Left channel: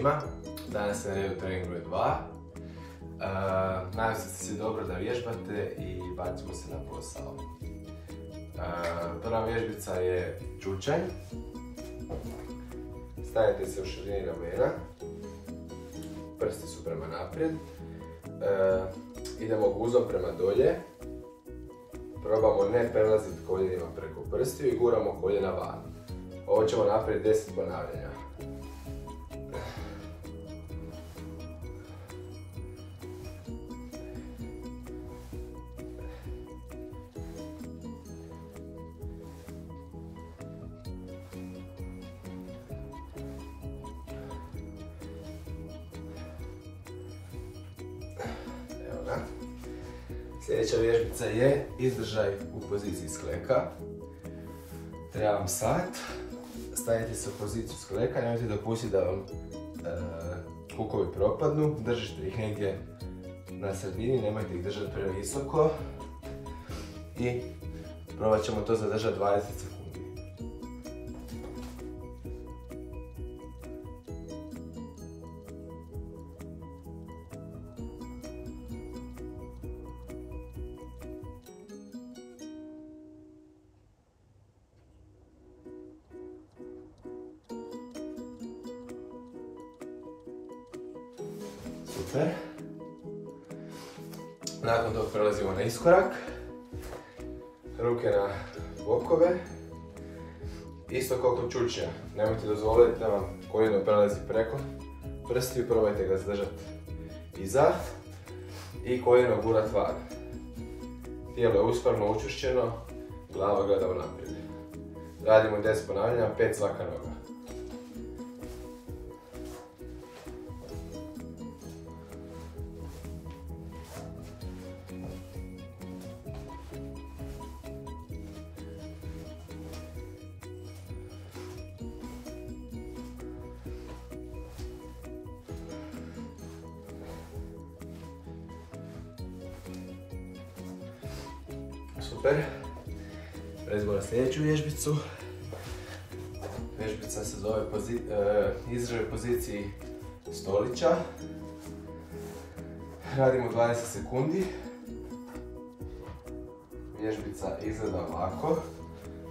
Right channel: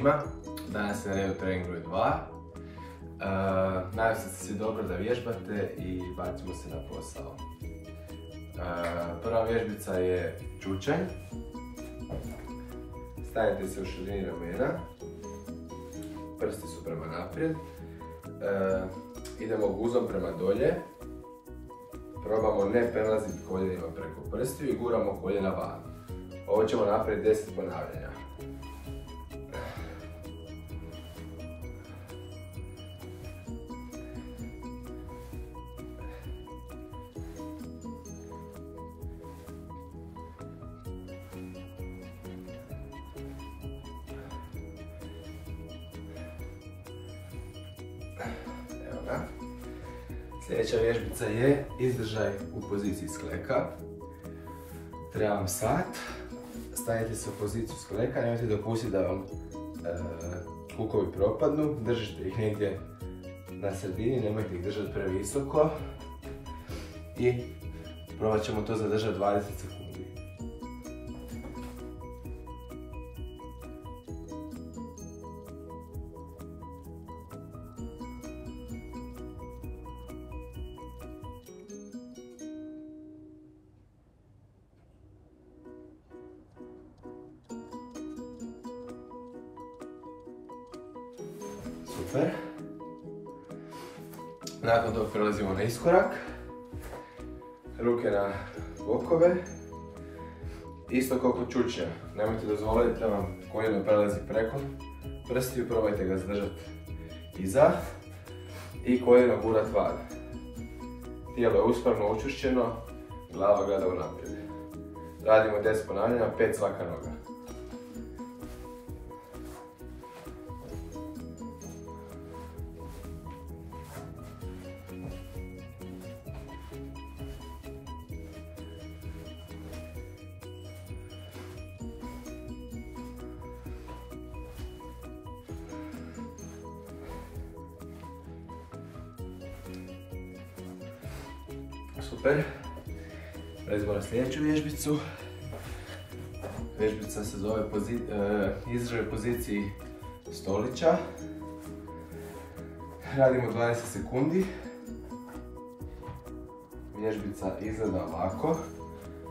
svima, danas je na redu trening broj 2. Nadam se da ste svi dobro da vježbate i bacimo se na posao. Prva vježbica je čučanj. Stanite se u širini ramena, prsti su prema naprijed. Idemo guzom prema dolje. Probamo ne prelaziti koljenima preko prstiju i guramo koljena van. Ovo ćemo napraviti 10 ponavljanja. Evo ga. Sljedeća vježbica je izdržaj u poziciji skleka. Treba vam sat. Stavite se u poziciju skleka, nemojte dopustiti da vam kukovi propadnu. Držite ih negdje na sredini, nemojte ih držati previsoko. I probat ćemo to zadržati 20 sekundi. Super. Nakon toga prelazimo na iskorak. Ruke na bokove. Isto kao kod čučnja. Nemojte dozvoliti da vam koljeno prelazi preko prstiju, probajte ga zadržati iza i koljeno gurati van. Tijelo je uspravno učvršćeno, glava gleda unaprijed. Radimo 10 ponavljanja, 5 svaka noga. Super. Prelazimo na sljedeću vježbicu. Vježbica se zove izdržaj u poziciji stolića. Radimo 20 sekundi. Vježbica izgleda ovako.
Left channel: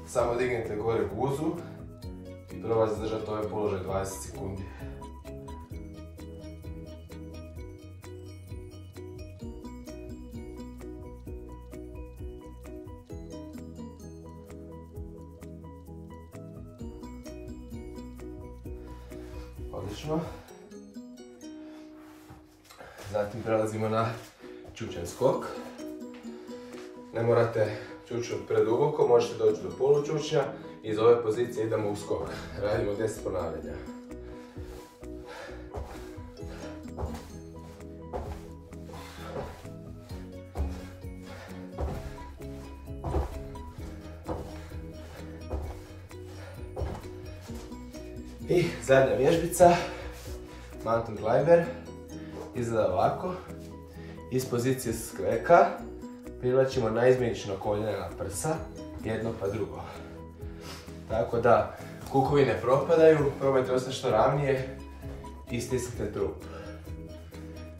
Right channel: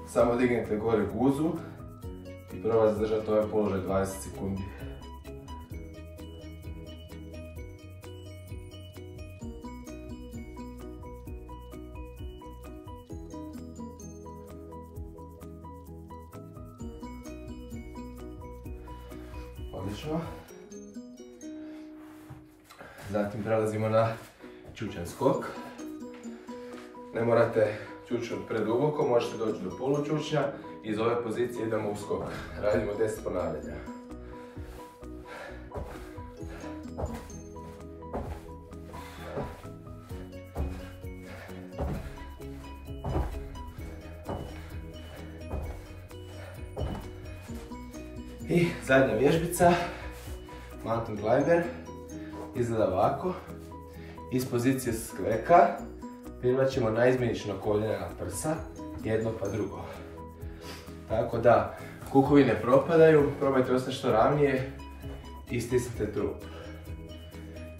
Samo dignete gore guzu i probajte zadržati ovaj položaj 20 sekundi. Odlično. Zatim prelazimo na čučanj skok. Ne morate čučnuti preduboko, možete doći do polučučnja. Iz ove pozicije idemo u skok. Radimo 10 ponavljanja. I zadnja vježbica, mountain climber, izgleda ovako. Iz pozicije skleka privlačimo naizmjenično koljena na prsa, jedno pa drugo. Tako da kukovi ne propadaju, probajte ostati što ravnije i stisnite trup.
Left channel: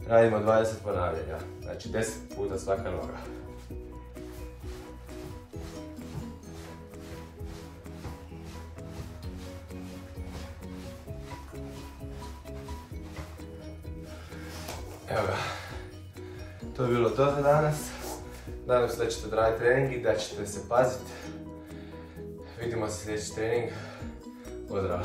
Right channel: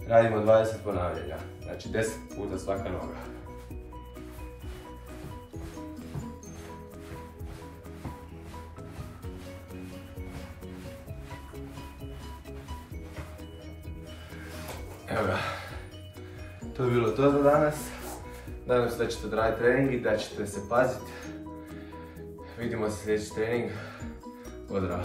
Radimo 20 ponavljanja, znači 10 puta svaka noga. Evo ga, to je bilo to za danas. Nadam se da ćete odraditi trening i da ćete se paziti. Vidimo se sljedeći trening. Pozdrav!